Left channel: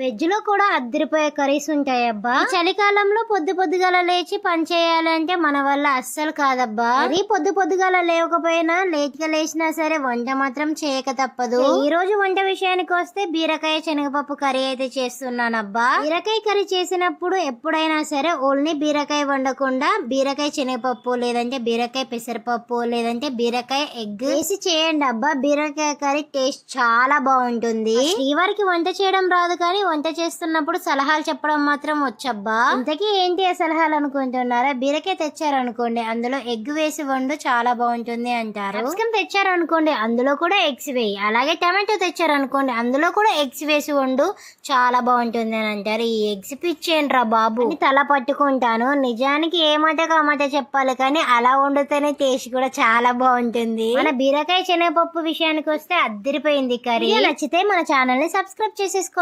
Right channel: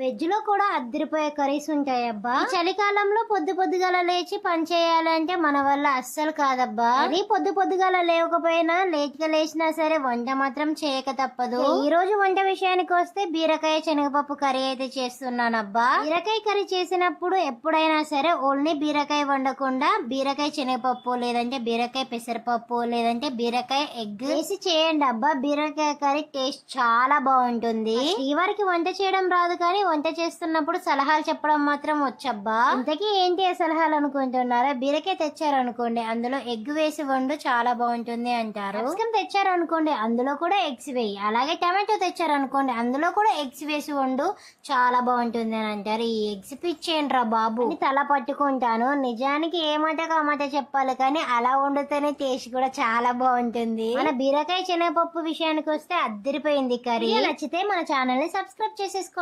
వెజ్లో కూడా అద్దరిపోయే కర్రీస్ ఉంటాయి అబ్బా. చలికాలంలో పొద్దు పొద్దుగాల లేచి పని చేయాలంటే మన వల్ల అస్సలు కాదబ్బా. అది పొద్దు పొద్దుగాల లేవకపోయినా లేట్గా లేచినా సరే వంట మాత్రం చేయక తప్పదు. ఈ రోజు వంట విషయానికి వస్తే బీరకాయ శనగపప్పు కర్రీ అయితే చేస్తున్నానబ్బా. బీరకాయ కర్రీ చేసినప్పుడు ఎప్పుడైనా సరే ఓన్లీ బీరకాయ వండకుండా బీరకాయ శనగపప్పు లేదంటే బీరకాయ పెసరపప్పు లేదంటే బీరకాయ ఎగ్ వేసి చేయండి అబ్బా. బీరకాయ కర్రీ టేస్ట్ చాలా బాగుంటుంది. శ్రీవారికి వంట చేయడం రాదు కానీ వంట చేస్తున్నప్పుడు సలహాలు చెప్పడం మాత్రం వచ్చబ్బా. ఇంతకీ ఏంటి ఆ సలహాలు అనుకుంటున్నారా? బీరకాయ తెచ్చారనుకోండి అందులో ఎగ్ వేసి వండు చాలా బాగుంటుంది అంటారు. క్యాప్సికమ్ తెచ్చారనుకోండి అందులో కూడా ఎగ్స్ వేయి. అలాగే టమాటో తెచ్చారనుకోండి అందులో కూడా ఎగ్స్ వేసి వండు చాలా బాగుంటుంది అని అంటారు. ఈ ఎగ్స్ పిచ్చేయండి రా బాబు తల పట్టుకుంటాను. నిజానికి ఏ మాటకు ఆ మాట చెప్పాలి కానీ అలా వండితేనే టేస్ట్ కూడా చాలా బాగుంటుంది. మన బీరకాయ శనగపప్పు విషయానికి వస్తే అద్దరిపోయింది కర్రీ. నచ్చితే మన ఛానల్ని సబ్స్క్రైబ్ చేసేసుకో